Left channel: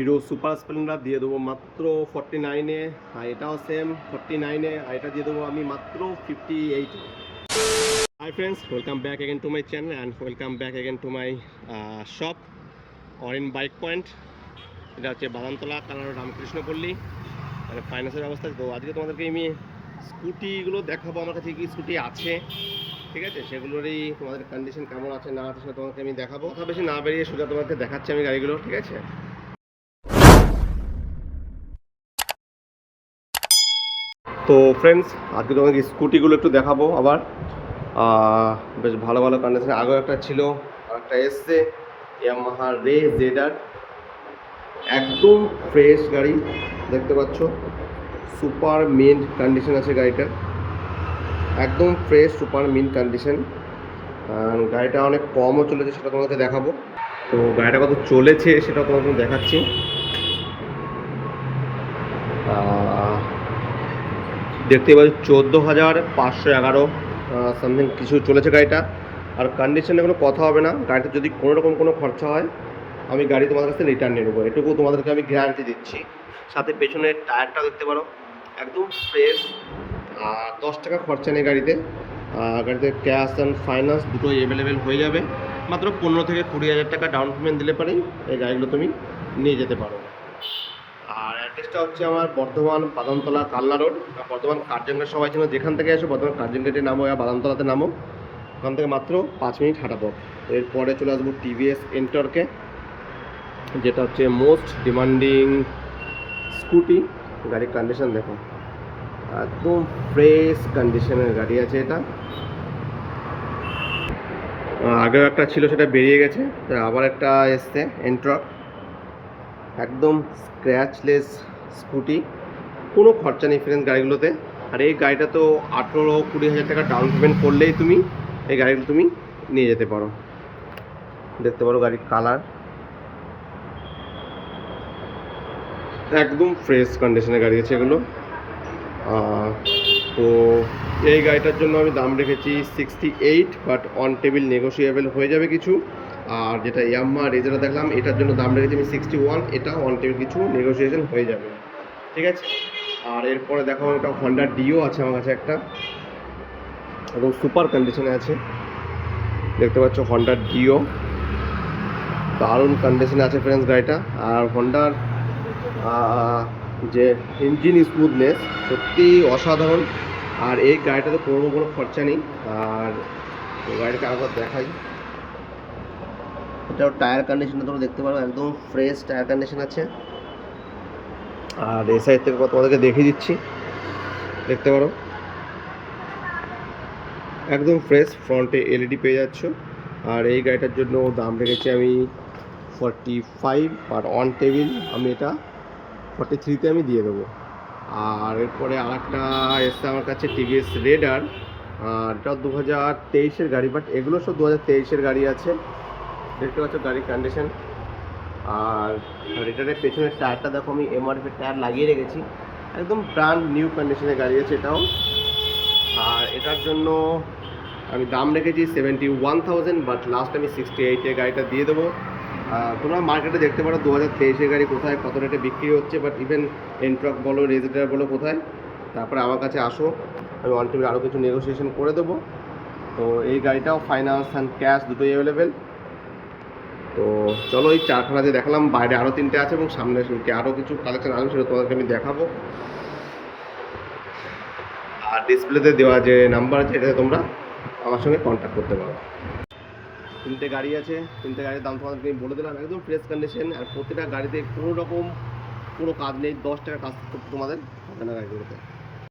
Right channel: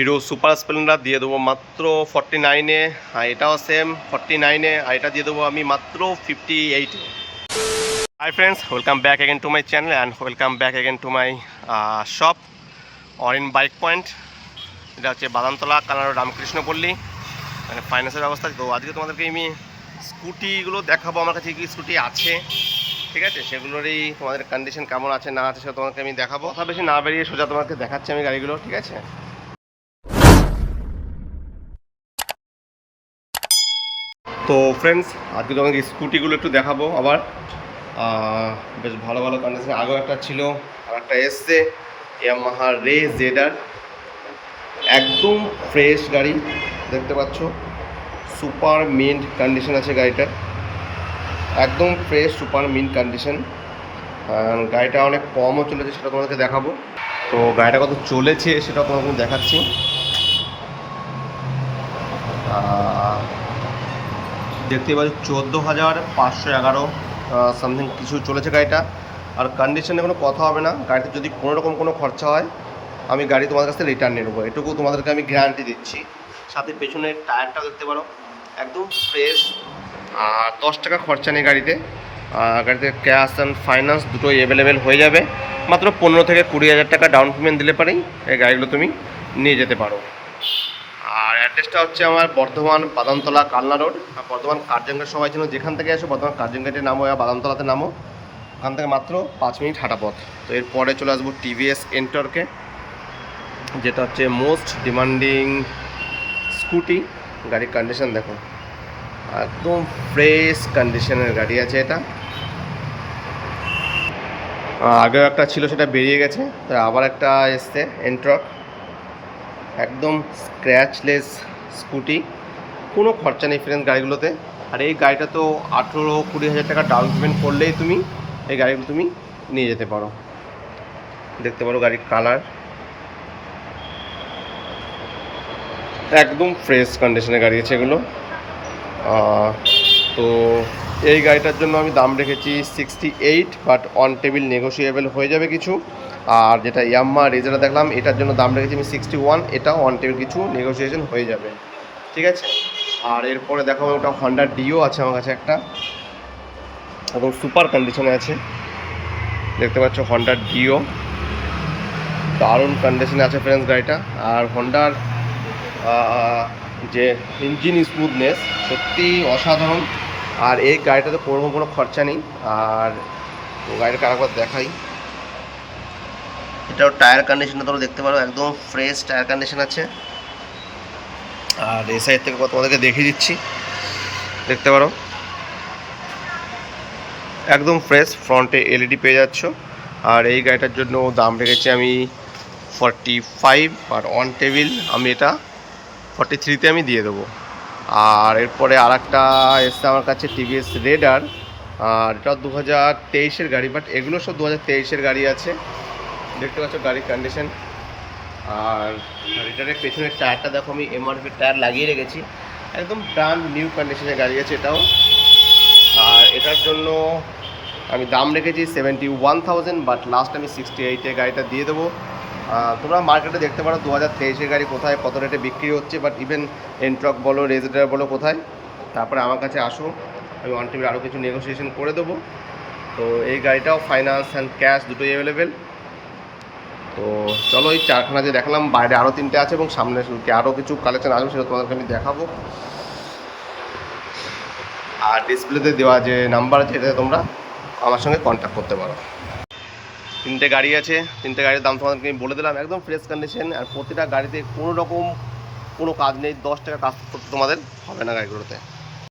Hero super Splendor দিয়ে দেবো মাত্র 49-এ, আর এটাও সেম 49-এ, আর এটা দিয়ে দেবো আমি মাত্র 58-এ। Hi friends, welcome back again to my channel and welcome back again to my shop Arin bike point. এটা হচ্ছে বাদামতলা, কানাড়া, রামকৃষ্ণপল্লী, মানে ফাইন্যান্সের ব্যবস্থা। তো আজকে তোমাদেরকে আমি স্কুটিগুলো দেখাবো, আমার কাছে কি স্কুটি আছে, ঠিক আছে, সেগুলোরই তোমাদের কন্ডিশন কেমন আছে না আছে সেটা তোমাকে আমি দেখাবো। কথা বেশি না বেরিয়ে সোজা তোমাকে দেখাচ্ছি আমি গাড়িগুলো, ঠিক আছে। তো ফ্রেন্ডস, আজকে তোমাকে স্কুটিগুলো একটু দেখাবো আবার। বেশ ভালো ভালো কন্ডিশন। আগেও একটা ছিল, আর একটা এসছে ইয়ামাহা রে জেডার, একদম ফ্রেশ গাড়ি, দেখতে পাচ্ছ, সুপার মিন্ট কন্ডিশন আছে গাড়িটার, একদম ফ্রেশ সুপার মিন্ট কন্ডিশন। গাড়িটা অনেক কমও চলেছে, সেটা তোমাদেরকে দেখাবো। তো গাড়িটা কত চলেছে সেটাও তোমাকে দেখাচ্ছি। দেখতেই পাচ্ছ 14,511 সামথিং কিছু চলেছে গাড়িটা। আর কন্ডিশনে কোনো কথা হবে না, গাড়িতে যদি কোনো রকম কোনো খরচা হয় আমি গাড়ি তোমাদের কাছ থেকে রিটার্ন নিয়ে নেবো, এটুকু তোমাদেরকে আমি গ্যারান্টি দিচ্ছি। সাথে পেছনের টায়ারটা দেখতে পারো, একদম ফ্রেশ। আর 10 টাকা খরচা নেই গাড়িতে। গাড়িতে ক্যাশ অ্যান্ড ফাইন্যান্স দুটোই অ্যাভেলেবেল হয়ে যাবে। মাত্র 15 থেকে 20,000 টাকা ডাউন পেমেন্ট দিলে পারেই এই গাড়িগুলো তুমি নিয়ে যেতে পারো। আর অ্যাড্রেসটা হচ্ছে আমার বর্ধমান বাদামতলা কালনা রোড, বর্ধমান কার্জনগেট। সবাই জন্য যেখান থেকে আসো বর্ধমান কার্জনগেটে নামো বা বাদামতলাতে নামো, ওখান থেকে মাত্র 5 মিনিট হাঁটা পথ। তো এরপরে চলে আসবো টিভিএস এন্টর্কে, যেটা হচ্ছে মোস্ট ডিমান্ডিং স্কুটি। গাড়ির কন্ডিশন দেখো, একদম ফ্রেশ কন্ডিশনের গাড়ি আছে এটা। আগেও একটা ছিল, সেটা বেরিয়ে গেছে, তো আবার একটা এসছে এন্ট্রক, একদম স্ক্র্যাচলেস স্কুটি, কোনো খরচা নেই ফ্রেন্ড গাড়িগুলোতে। আর এই গাড়িটা তো 18-20 হাজার টাকা ডাউন পেমেন্ট করলেই তুমি এই গাড়িগুলো তুমি নিয়ে যেতে পারো। দেখতে পারো গাড়ির কালার, একদম ফ্রেশ কন্ডিশনের গাড়ি আছে এগুলো। তো এই গাড়িটার জন্য আমি দাম রেখেছি 68, বাট অন টেবিল নেগোসিয়েবল হয়ে যাবে কিছু। আর যেটা ইয়ামাহা রেজারা দেখলাম, এটার জন্য দাম রেখেছি আমি 61, এটাও অন টেবিল কিছু নেগোসিয়েশন হয়ে যাবে, ঠিক আছে। আর এরপরে দেখো একটা হন্ডা ডিও আছে আমার কাছে একটা, এবং সুপার কন্ডিশনে আছে, দেখতে পাচ্ছ হন্ডা ডিও, দারুণ কন্ডিশনে আছে ফ্রেন্ডস গাড়িটা। আর হন্ডার যে ইঞ্জিন স্মুথনেস সত্যি অসাধারণ। আর এই গাড়িটাতে কোনো খরচা নেই। আর তো গাড়িটাকে আরেকবার দেখাই, এটাও টায়ার কন্ডিশনটা তোমরা দেখতে পারো, একদম ফ্রেশ টায়ার কন্ডিশন আছে। আর এই সাইড থেকে তোমাদেরকে দেখিয়ে দিচ্ছি, দেখতে পারো একদম ফ্রেশ, ফ্রন্টে এলইডি পেয়ে যাচ্ছ। আর এই গাড়িটার জন্য দাম রেখেছি আমি 45, আর অন টেবিল আমি এটা 43-তে আমি দিয়ে দেবো। আর এরপরে আর একটা এসছে আমার কাছে টিভিএস রেডার, আর এটা 2023-এর গাড়ি, বাট এগুলো সব 2023-এর গাড়ি আছে, দেখতে পাচ্ছ গাড়ির কন্ডিশন। আর রেডারের পেছনের টায়ারটা দেখো, আমি এমআরপি টায়ার লাগিয়ে রেখেছি, একদম ব্র্যান্ড নিউ কন্ডিশনের গাড়ি আছে এটাও। আর এটার জন্য আমি দাম রেখেছি 71,000, বাট লাস্ট আমি 68-এ গাড়িটা দিয়ে দেবো। তোমরা মার্কেটে দেখতে পারো 2023-এর গাড়ি কোথায় কত রেটে বিক্রি হচ্ছে, বাট ইভেন এন্ট্রক বলো রেজেডার বলো কোথায়, তারপরে আমার কাছে আসো, আমি অন টেবিল আরও কিছু নেগোসিয়েশন করে দেবো। তো এই গাড়িটাও ফাইন্যান্স অ্যান্ড ক্যাশ দুটোই অ্যাভেলেবেল। তো চলো, এই চারখানা যে দেখালাম, বাইরে আরও 3টে আছে এবং সামনে আরও কিছু কালেকশন আসবে, সেটা তোমাদেরকে আমি দেখাবো। আর ডিসপ্লেতে দেওয়া যে নাম্বার আছে, এটাতে তোমরা আমার সঙ্গে কন্ট্যাক্ট করতে পারো। 3টে গাড়ি আছে, 3টে গাড়ির দাম তোমাদেরকে আমি বলে দিলাম, একদম ফ্রেশ কন্ডিশন। আর প্রতিটা গাড়িতে কোনো রকম কোনো কাজ নেই, 10 টাকা কাজ করতে তোমাদের হবে না গাড়িগুলোতে।